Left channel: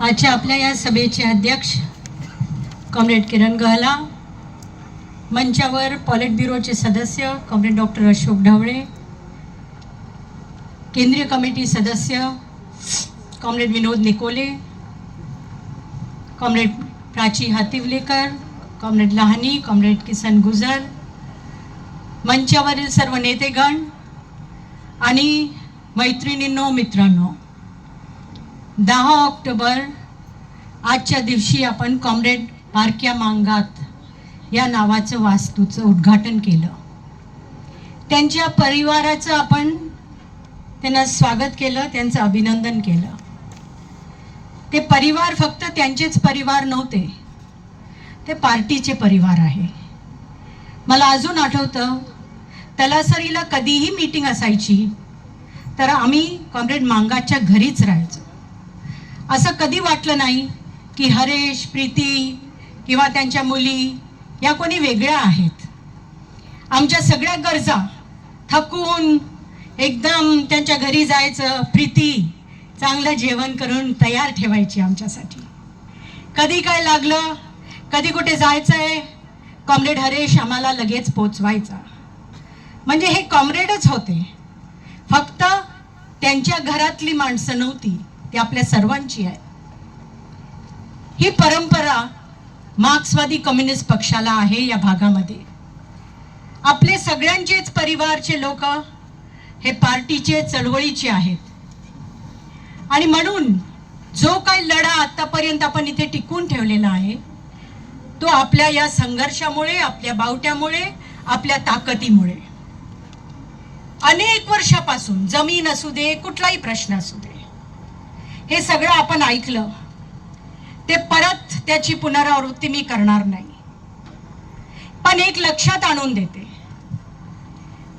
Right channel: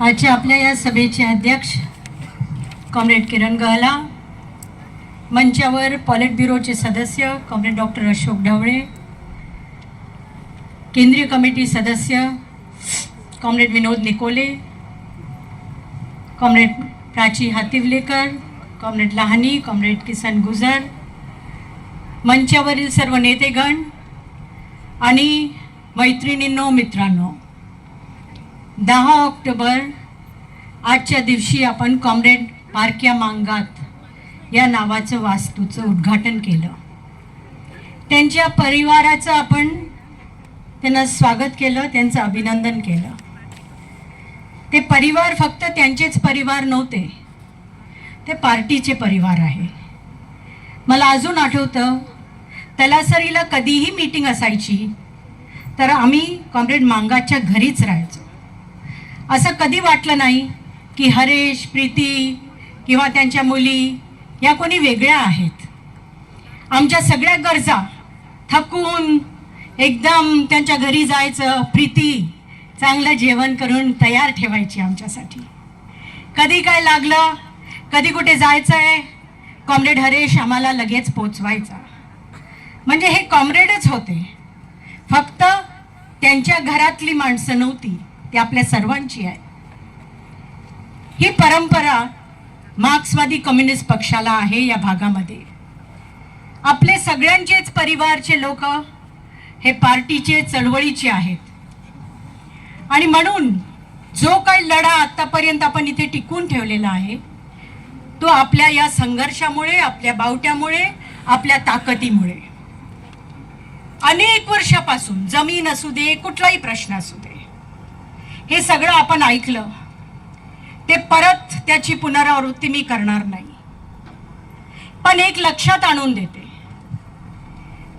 आजच्या आपल्या या सभेचे अध्यक्ष कॉम्रेड किरण गहला मंचावर पॉलिट ब्युरोचे सदस्य कॉम्रेड डॉक्टर अशोक ढवळे केंद्रीय कमिटी सदस्य comrade Vinod Nikole comrade Prachi Hatiwalekar comrade Lahani comrade Kisan Gujar मंचावरील सर्व नेतेगण आणि मैत्रिणींनो मित्रांनो दहा ऑक्टोबर आजच्या दिवशी आपण कॉम्रेड बारक्या मांगात या नावाचं वास्तूचं उद्घाटन केलं. त्यांच्या परिवाराचं आपण त्यांना स्वागत केलं त्यांचं अभिनंदन केलं. ते परिवार फक्त त्यांचेच परिवार नव्हते ते पार्टीचे परिवार आहे. मला अजून आठवतं तलासरीला कधीही मीटिंग असायची तर आम्ही कॉम्रेड मांगाच्या घरीच राहायचो. असं कधी वाटलं नाही की हरेश प्रीती किंवा त्यांच्या मुली या कोणी वेगळ्या आहेत? आमच्या सगळ्या गरजा थकून एकदम त्यांच्या घरी जायचं प्रीती चांगलं जेवण करून तयार ठेवायची आमच्यासाठी. कधी काय लागलं कधी कुठे जायचं आहे कॉम्रेड हरेश आम्हाला लगेच पोचवायचा. म्हणजे हे कॉम्रेडच होते. फक्त त्यांच्या घरातली माणसं नव्हती. ती आपल्या सर्वांची आहे. ही परंपरा मार्क्सवादी कम्युनिस्ट पक्षाला आहे या भागामध्ये. आपले सगळ्यांचेच परिवारचे लोक हे पार्टीचे चळवळीचे आहेत. आणि म्हणून जो काही लढा आतापर्यंत आपण इथे टिकून ठेवलेला आहे तो आपल्या या संघर्षामुळे आपल्या बावट्यामुळे आपल्या ताकदीमुळे. अनेक वर्षापासून जमीन असू दे कुठलाही प्रश्न असू दे हे सगळं आपण ऐकलं. ते परत त्याची पुनरावृत्ती मी करणार नाही. पण एक लक्षात आणून देते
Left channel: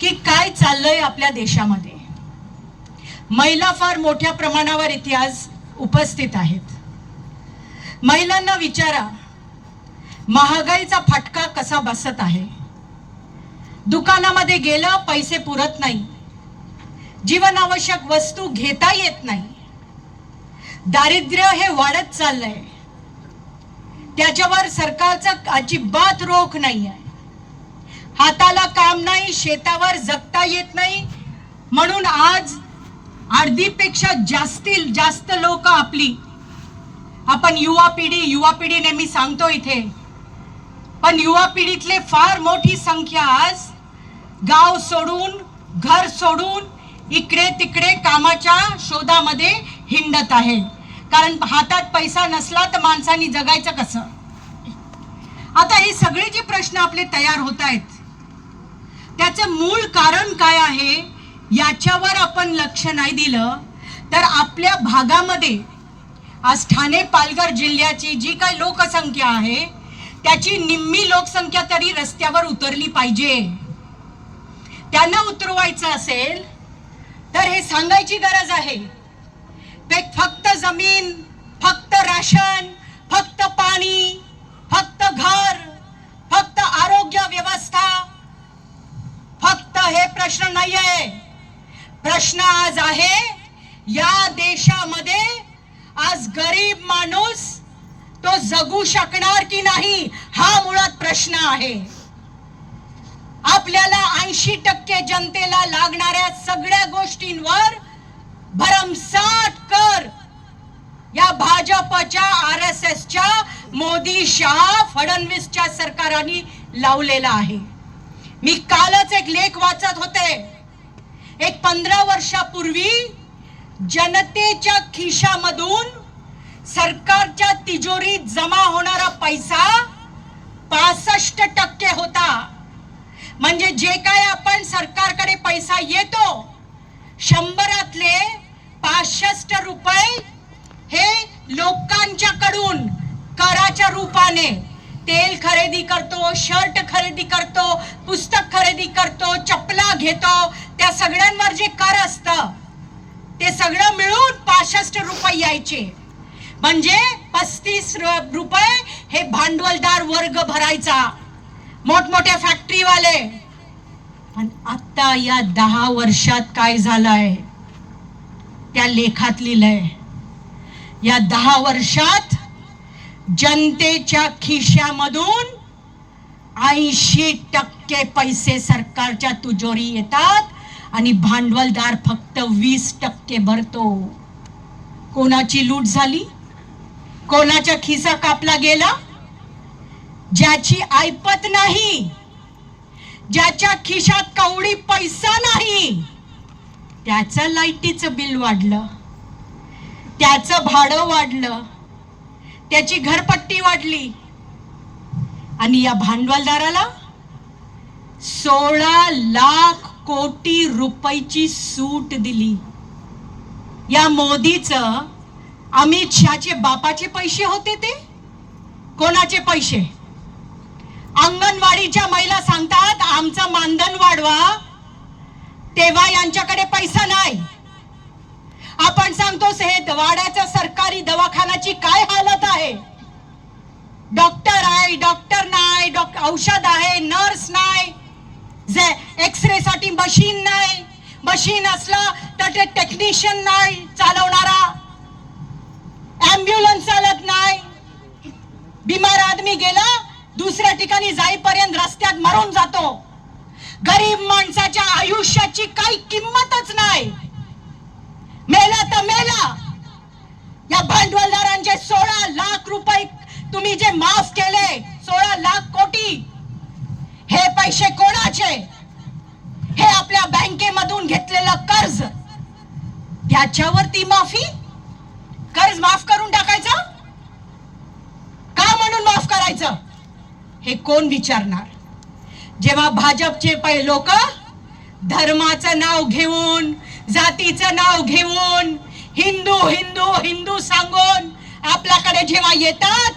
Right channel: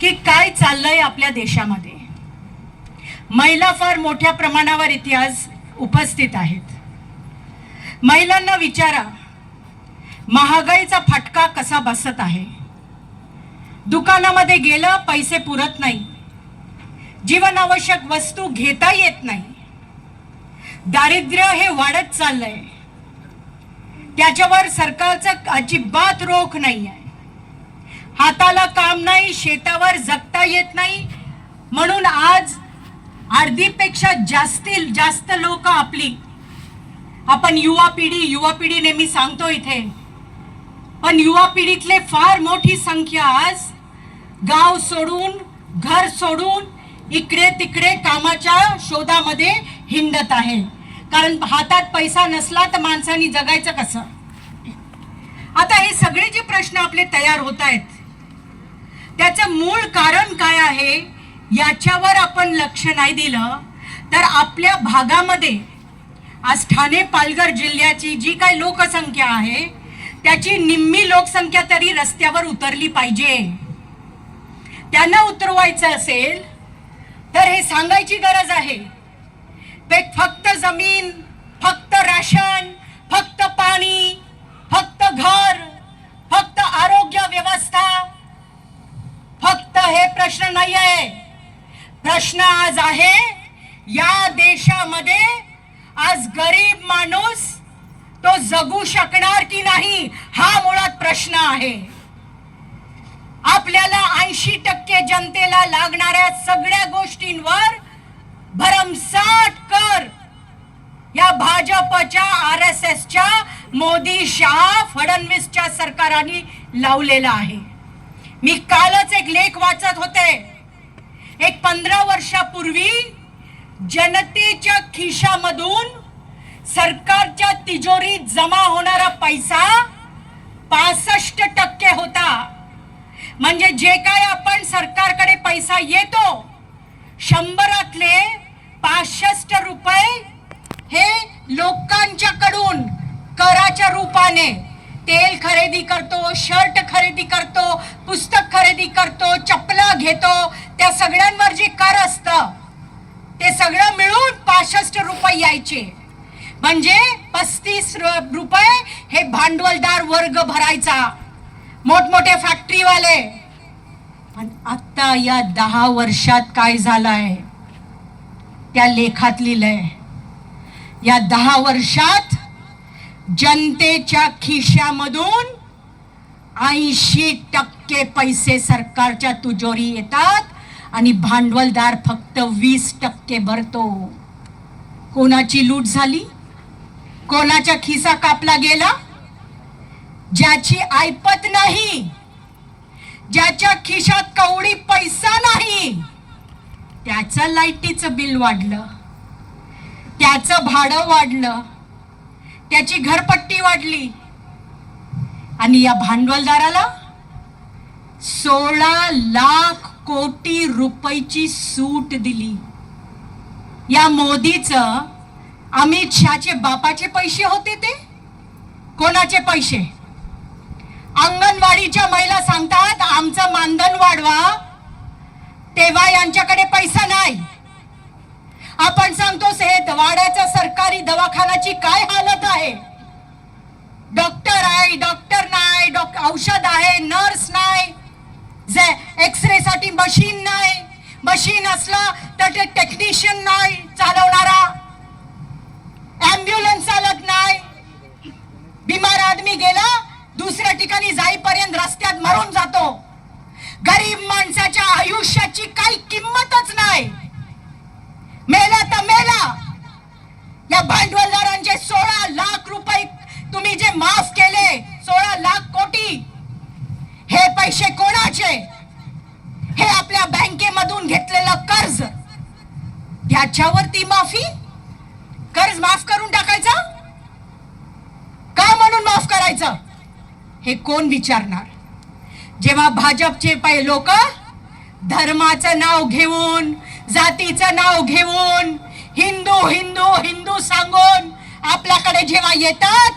की काय चाललंय आपल्या देशामध्ये. महिला फार मोठ्या प्रमाणावर इथे आज उपस्थित आहेत. महिलांना विचारा महागाईचा फटका कसा बसत आहे? दुकानामध्ये गेलं पैसे पुरत नाही. जीवनावश्यक वस्तू घेता येत नाही. दारिद्र्य हे वाढत चाललंय. त्याच्यावर सरकारचं अजिबात रोख नाही आहे हाताला काम नाही शेतावर जगता येत नाही. म्हणून आज अर्धीपेक्षा जास्ती जास्त लोक आपली आपण युवा पिढी युवा पिढी नेहमी सांगतो इथे. पण युवा पिढीतले फार मोठी संख्या आज गाव सोडून घर सोडून इकडे तिकडे कामाच्या शोधामध्ये हिंडत आहे. कारण हातात पैसा नसला तर माणसानी जगायचं कसं? आता हे सगळे जे प्रश्न आपले तयार होत आहेत त्याचं मूळ कारण काय आहे याच्यावर आपण लक्ष नाही दिलं तर आपल्या भागामध्ये आज ठाणे पालघर जिल्ह्याची जी काय लोकसंख्या आहे त्याची निम्मी लोकसंख्या तरी रस्त्यावर उतरली पाहिजे. त्यांना उतरवायचं असेल तर हे सांगायची गरज आहे. ते फक्त जमीन फक्त राशन फक्त पाणी फक्त घर फक्त आरोग्य व्यवस्था. फक्त हे प्रश्न नाही आहे प्रश्न आज आहे या देशामध्ये आज गरीब माणूस तो जगू शकणार की नाही हा मुळात प्रश्न आहे. आपल्याला ऐंशी टक्के जनतेला लागणाऱ्या सगळ्या गोष्टींवर भरमसाट कर या भाजपच्या आर एस एसच्या मोदी शहा फडणवीसच्या सरकारांनी लावलेला आहे. मी कालच एक लेख वाचत होते. एक पंधरा वर्षापूर्वी जनतेच्या खिशामधून सरकारच्या तिजोरीत जमा होणारा पैसा पासष्ट टक्के होता. म्हणजे जे काय आपण सरकारकडे पैसा येतो शंभरातले पासष्ट रुपये हे लोकांच्याकडून कराच्या रूपाने तेल खरेदी करतो शर्ट खरेदी करतो पुस्तक खरेदी करतो चपला घेतो त्या सगळ्यांवर जे कर असतं ते सगळं मिळून पासष्ट रुपये यायचे. म्हणजे पस्तीस रुपये हे भांडवलदार वर्ग भरायचा. मोठमोठ्या फॅक्टरीवाले पण आता या दहा वर्षात काय झालंय? त्या लेखात लिहिलंय या दहा वर्षात जनतेच्या खिशामधून ऐंशी टक्के पैसे सरकारच्या तुजोरी येतात आणि भांडवलदार फक्त वीस टक्के भरतो. कोणाची लूट झाली? कोणाचा खिसा कापला गेला? ज्याची ऐपत नाही ज्याच्या खिशात कवडी पैसा नाही त्याचं लाईटीचं बिल वाढलं. त्याचं भाडं वाढलं त्याची घरपट्टी वाढली. आणि या भांडवलदाराला सोळा लाख कोटी रुपयाची सूट दिली. या मोदीचं अमित शहाचे बापाचे पैसे होते ते? कोणाचे पैसे? अंगणवाडीच्या महिला सांगतात आमचं मानधन वाढवा. तेव्हा यांच्याकडे वाड्याच्या सरकारी दवाखान्याची काय हालत आहे? डॉक्टर आहे डॉक्टर नाही औषध आहे नर्स नाही जे एक्सरे साठी मशीन नाही मशीन असला तर ते टेक्निशियन नाही चालवणारा ऍम्ब्युलन्स चालत नाही. बिमार आदमी गेला दुसऱ्या ठिकाणी जाईपर्यंत रस्त्यात मरून जातो. गरीब माणसाच्या आयुष्यात काही किंमतच नाही मेला तर मेला या भांडवलदारांचे सोळा लाख रुपये तुम्ही जे माफ केले सोळा लाख कोटी हे पैसे कोणाचे हे आपल्या बँकेमधून घेतलेलं कर्ज त्याच्यावरती माफी कर्ज माफ करून टाकायचं का म्हणून माफ करायचं हे कोण विचारणार? जेव्हा भाजपचे पै लोक धर्माचं नाव घेऊन जातीचं नाव घेऊन हिंदू हिंदू हिंदू सांगून आपल्याकडे जेव्हा येतात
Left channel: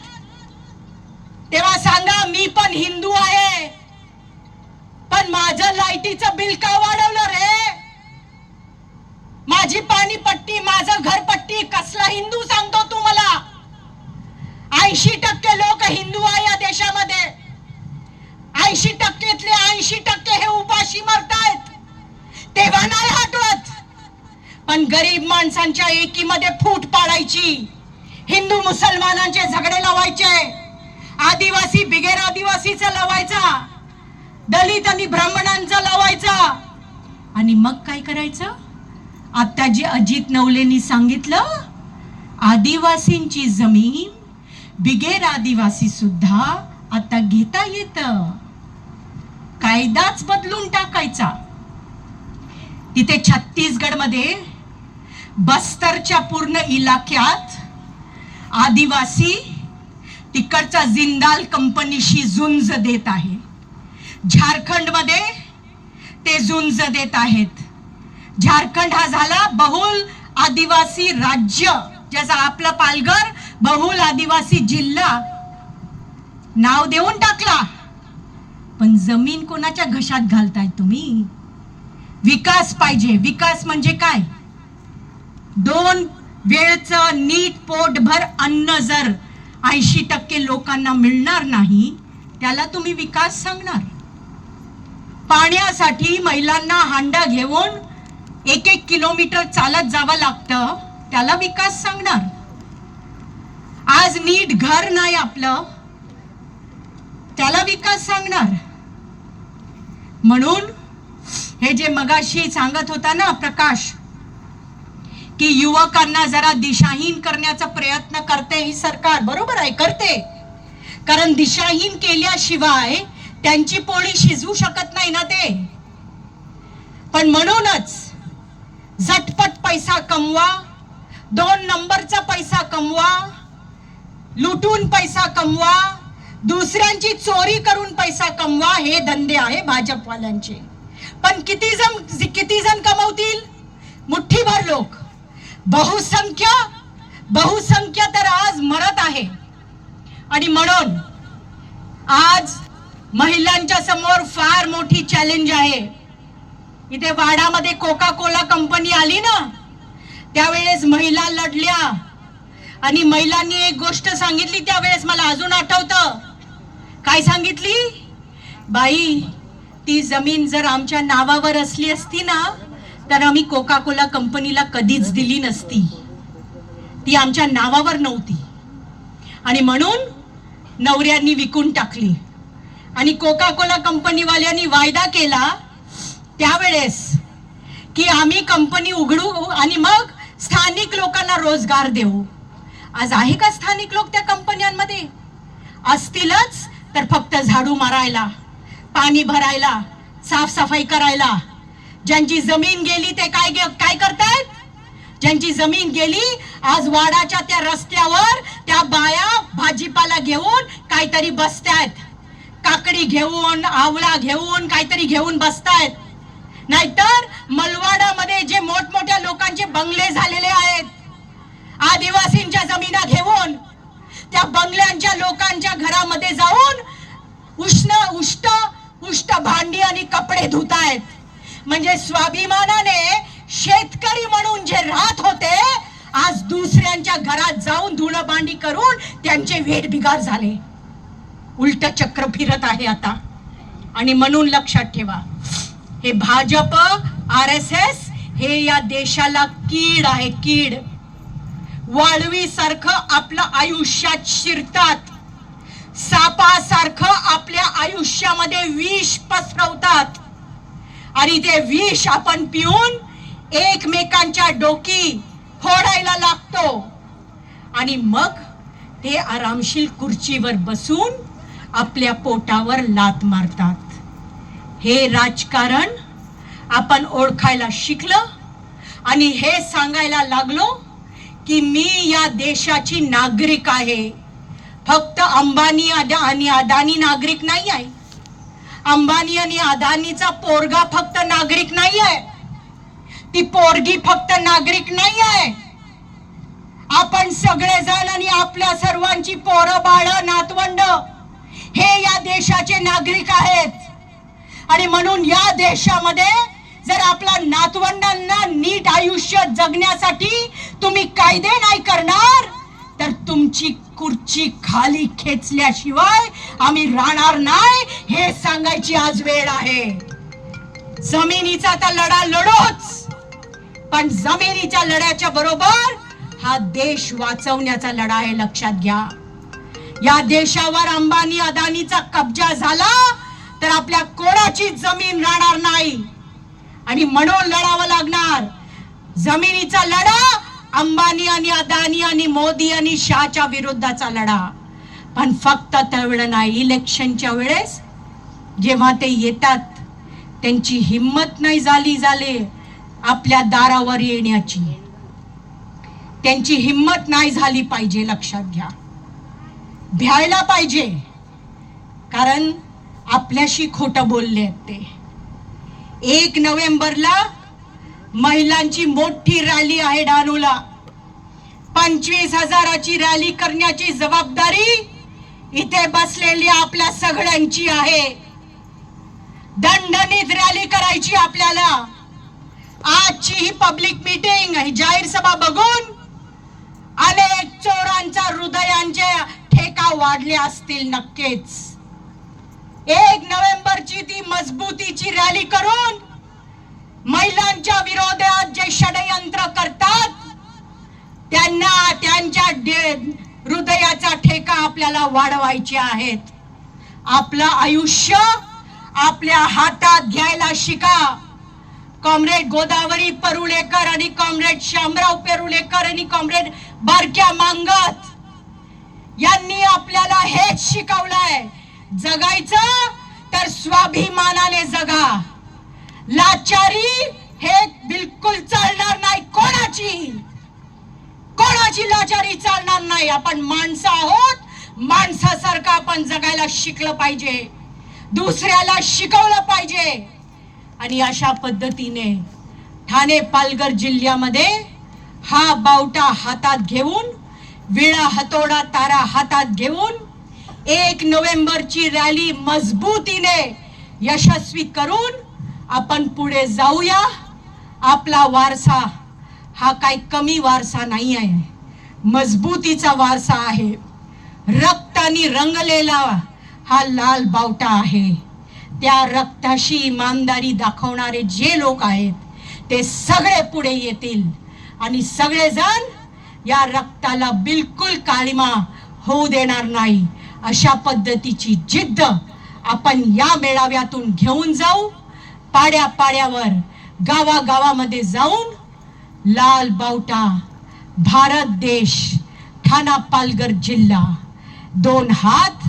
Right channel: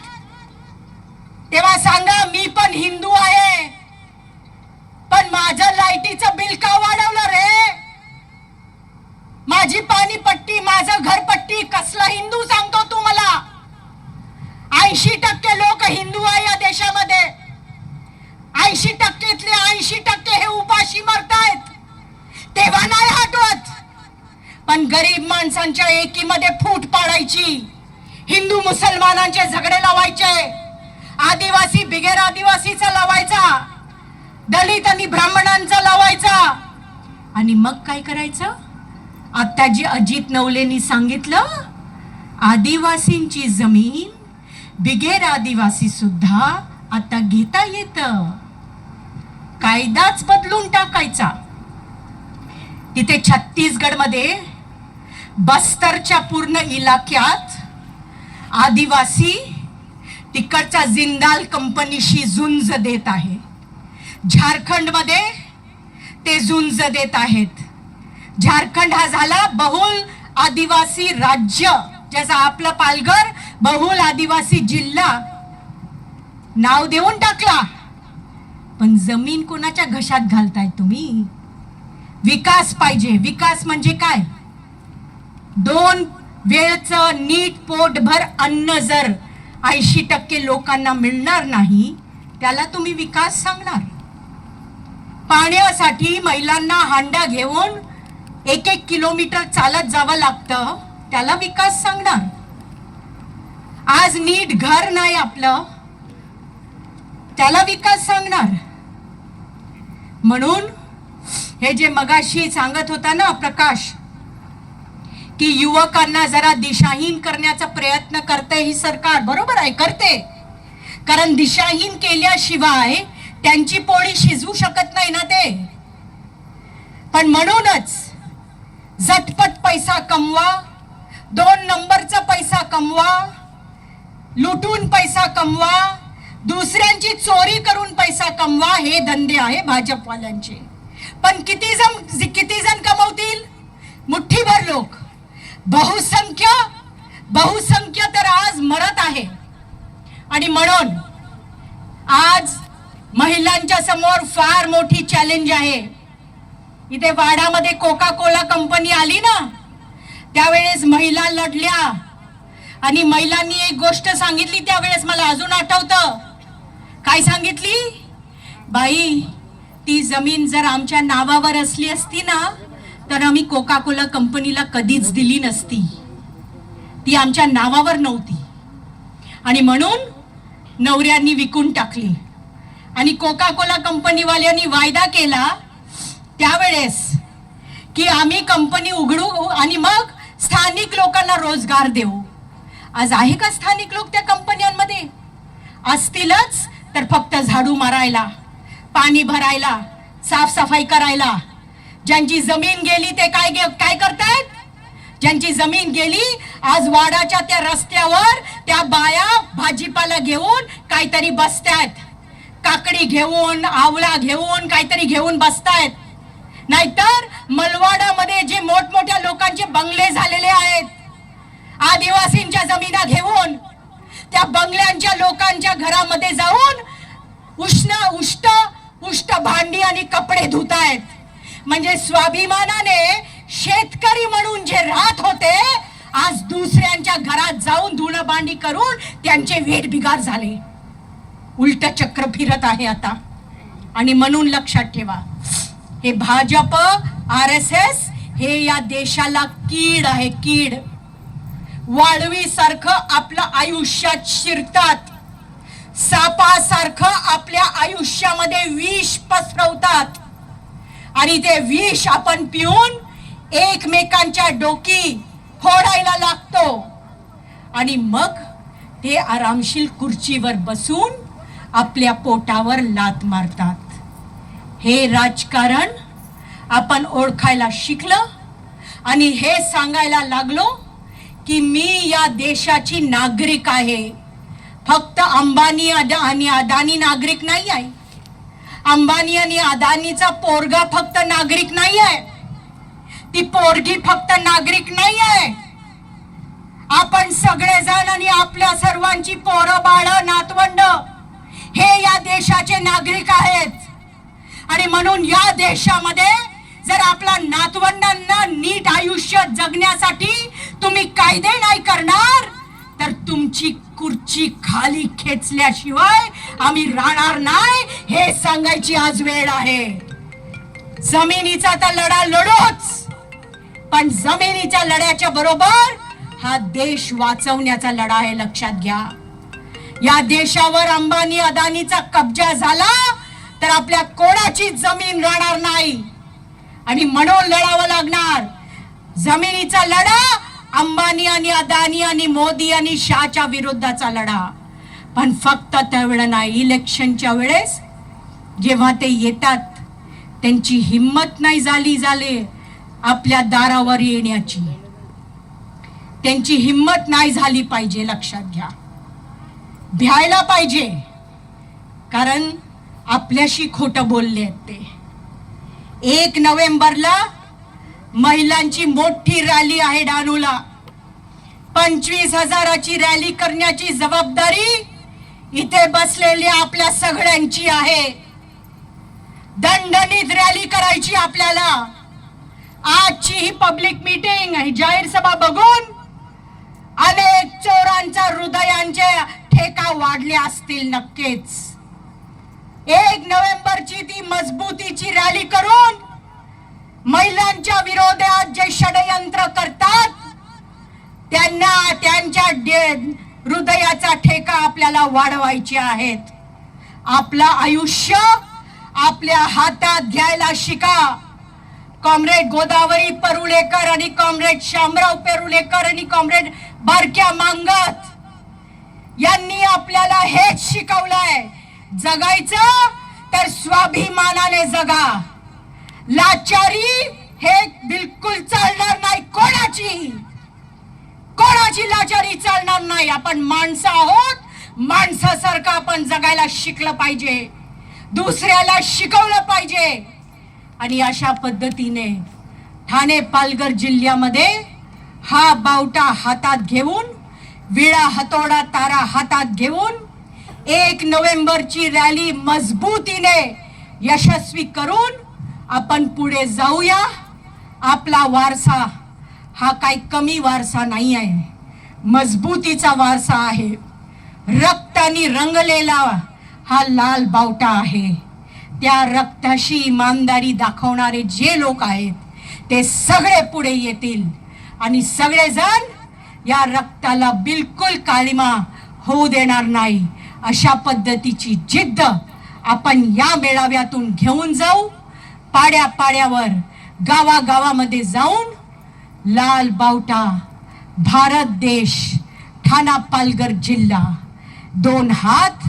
तेव्हा सांगा मी पण हिंदू आहे. पण माझं लाईटीचं बिल का वाढवलं रे? माझी पाणीपट्टी माझं घरपट्टी कसला हिंदू सांगतो तू मला? ऐंशी टक्के लोक हिंदू आहे या देशामध्ये. ऐंशी ऐंशी टक्के हे उपाशी मरतायत. तेव्हा नाही हटवत. पण गरीब माणसांच्या एकीमध्ये फूट पाडायची. हिंदू मुसलमानांचे झगडे लावायचे. आदिवासी बिगेर आदिवासीचा लावायचा. दलित आणि ब्राह्मणांचा लावायचा. आणि मग काय करायचं? आता जे अजित नवलेनी सांगितलं आदिवासींची जमीन बिगेर आदिवासी सुद्धा आता घेता येतं. कायदाच बदलून टाकायचा. तिथे छत्तीसगडमध्ये बस्तरच्या पूर्ण इलाक्यात आदिवासी तिकडच्या जिंदाल कंपनीशी झुंज देत आहे. झारखंडमध्ये ते झुंज देत आहेत. झारखंड हा झाला बहुल आदिवासी राज्य ज्याचा आपलं पालघर बहुल आदिवासी जिल्हा. नाव देऊन टाकला. पण जमीन कोणाच्या घशात घालताय तुम्ही? विकास पाहिजे. विकास म्हणजे काय? दोन वेळच नीट पोटभर अन्न जर ऐंशी टक्के लोकांना मिळणार नाही त्याला तुम्ही विकास सांगणार. पाण्यासाठी महिलांना हांडा घेऊन एक एक किलोमीटर चालत जावं लागतं त्याला विकास सांगणार. आज नीट घर नाही आपलं त्याला विकास सांगणार. म्हणून हे जे मगाशी सांगत होता ना प्रकाश की युवकांना जरा दिशाहीन करण्याचा प्रयत्न करते ही सरकार. बरोबर आहे करते. कारण दिशाहीन केल्याशिवाय त्यांची पोळी शिजवू शकत नाही ना ते. पण म्हणूनच झटपट पैसा कमवा दोन नंबरचा पैसा कमवा लुटून पैसा कमवा दुसऱ्यांची चोरी करून पैसा कमवा हे धंदे आहे भाजपवाल्यांचे. पण किती जण किती जण कमवतील? मुठ्ठीभर लोक. बहुसंख्य बहुसंख्य तर आज मरत आहे. आणि म्हणून आज महिलांच्या समोर फार मोठी चॅलेंज आहे. इथे वाडामध्ये कोका कोला कंपनी आली ना त्यावेळेस महिला लढल्या. आणि महिलांनी एक गोष्ट सांगितली त्यावेळेस मला अजून आठवतं. काय सांगितली? बाई ती जमीन जर आमच्या नावावर असली असती ना तर आम्ही कोका कोला कंपनीला कधीच दिली नसती. ती आमच्या नावावर नव्हती. आणि म्हणून नवऱ्यांनी विकून टाकली. आणि कोका कोला कंपनीवाल्यांनी वायदा केला त्यावेळेस की आम्ही कंपनी उघडू आणि मग स्थानिक लोकांना रोजगार देऊ. आज आहे का स्थानिक लोक त्या कंपन्यांमध्ये? असतीलच तर फक्त झाडू मारायला पाणी भरायला साफसफाई करायला. ज्यांची जमीन गेली ते काय काय करतायत ज्यांची जमीन गेली आज वाडाच्या त्या रस्त्यावर त्या बाया भाजीपाला घेऊन काहीतरी बसतायत काकडी घेऊन आवळा घेऊन काहीतरी घेऊन बसतायत नाहीतर मलवाडामध्ये जे मोठमोठ्या लोकांचे बंगले झालेले आहेत आदिवासींच्या जमिना घेऊन त्या बंगल्यांच्या लोकांच्या घरामध्ये जाऊन उष्ण उष्ट उष्ट भांडी आणि कपडे धुतायत. म्हणजे स्वाभिमानाने शेतकरी म्हणून जे राहत होते आज दुसऱ्यांच्या घरात जाऊन धुणं भांडी करून त्यांचे वेठ बिगार झाले. उलट चक्र फिरत आहे आता. आणि म्हणून लक्षात ठेवा हे भाजप आर एस एस हे या देशाला कीड आहे कीड. वाळवीसारखं आपलं आयुष्यात शिरतात. सापासारखं आपल्या आयुष्यामध्ये विष पसरवतात. आणि ते विष आपण पिऊन एकमेकांच्या डोकी फोडायला लागतो. आणि मग ते आरामशील खुर्चीवर बसून आपल्या पोटावर लात मारतात. हे राजकारण आपण ओळखायला शिकलं आणि हे सांगायला लागलो की मी या देशाची नागरिक आहे. फक्त अंबानी अदा आणि अदानी नागरिक नाही आहे. अंबानी आणि अदानीचा पोरगा फक्त नागरिक नाही आहे. ती पोरगी फक्त नागरिक नाही आहे. आपण सगळेजण आणि आपल्या सर्वांची पोरं बाळ नातवंड हे या देशाचे नागरिक आहेत. आणि म्हणून या देशामध्ये जर आपल्या नातवंडांना नीट आयुष्य जगण्यासाठी तुम्ही कायदे नाही करणार तर तुमची खुर्ची खाली खेचल्याशिवाय आम्ही राहणार नाही हे सांगायची आज वेळ आहे. जमिनीचा तर लढा लढोच पण जमिनीच्या लढ्याच्या बरोबर हा देश वाचवण्याचा लढा आहे लक्षात घ्या. या देशावर अंबानी अदानीचा कब्जा झाला तर आपल्या कोणाची जमीन राहणार नाही? आणि म्हणून लढावं लागणार. जमिनीचा लढा अंबानी आणि अदानी आणि मोदी आणि शहाच्या विरुद्धाचा लढा. पण फक्त त्यावेळेला नाही इलेक्शनच्या वेळेस जेव्हा ते येतात त्यांची हिंमत नाही झाली झाले आपल्या दारावर येण्याची. त्यांची हिंमत नाही झाली पाहिजे लक्षात घ्या. भ्यायला पाहिजे. कारण आपल्याशी खोटं बोलले आहेत ते. एक नोव्हेंबरला महिलांची मोठी रॅली आहे डहाणूला. पंचवीस हजाराची रॅली करण्याची जबाबदारी इथे बसलेली आपल्या सगळ्यांची आहे. दणदणीत रॅली करायची आपल्याला. आजची ही पब्लिक मीटिंग ही जाहीर सभा बघून अनेक चोरांच्या हृदयांचे ठेका वाढले असतील नक्कीच. एक नोव्हेंबरची ती मजबूतीची रॅली करून महिलांच्या विरोधात जे षडयंत्र करतात त्यांना त्यांच्या डे- हृदयाचा ठेका आपल्याला वाढवायचे आहेत. आपलं आयुष्य आपल्या हातात घ्यायला शिका. कॉम्रेड गोदावरी परुळेकर आणि कॉम्रेड शामराव पेरुलेकर आणि कॉम्रेड बारक्या मांगत यांनी आपल्याला हेच शिकवलंय. जगायचं तर स्वाभिमानाने जगा. लाचारी हे बिलकुल चालणार नाही. कोणाची? कोणाची लाचारी चालणार नाही? आपण माणसं आहोत. माणसासारखं आपण जगायला शिकलं पाहिजे. दुसऱ्याला शिकवलं पाहिजे. आणि अशा पद्धतीने ठाणे पालघर जिल्ह्यामध्ये हा बावटा हातात घेऊन विळा हतोडा तारा हातात घेऊन एक नोव्हेंबरची रॅली मजबूतीने यशस्वी करून आपण पुढे जाऊया. आपला वारसा हा काही कमी वारसा नाही आहे. मजबूतीचा वारसा आहे. रक्तानी रंगलेला हा लाल बावटा आहे. त्या रक्ताशी इमानदारी दाखवणारे जे लोक आहेत ते सगळे पुढे येतील. आणि सगळेजण या रक्ताला बिलकुल काळिमा होऊ देणार नाही. अशा पद्धतीची जिद्द आपण या मेळाव्यातून घेऊन जाऊ. पाड्या पाड्यावर गावागावामध्ये जाऊन लाल बावटा भारत देश ठाणा पालघर जिल्हा दोन हात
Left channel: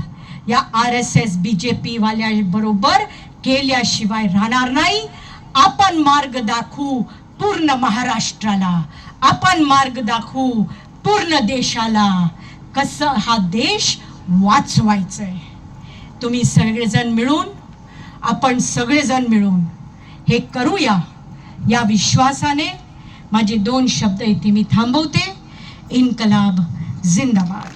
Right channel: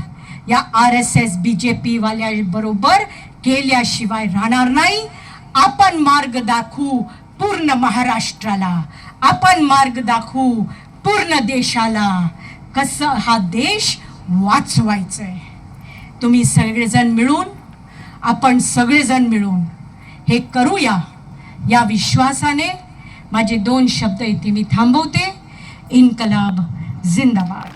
या R S S B J P वाल्या बरोबर केल्याशिवाय राहणार नाही. आपण मार्ग दाखवू पूर्ण महाराष्ट्राला. आपण मार्ग दाखवू पूर्ण देशाला. कसं हा देश वाचवायचं आहे तुम्ही सगळेजण मिळून आपण सगळेजण मिळून हे करूया. या विश्वासाने माझे दोन शब्द इथे मी थांबवते. इन्कलाब जिंदाबाद.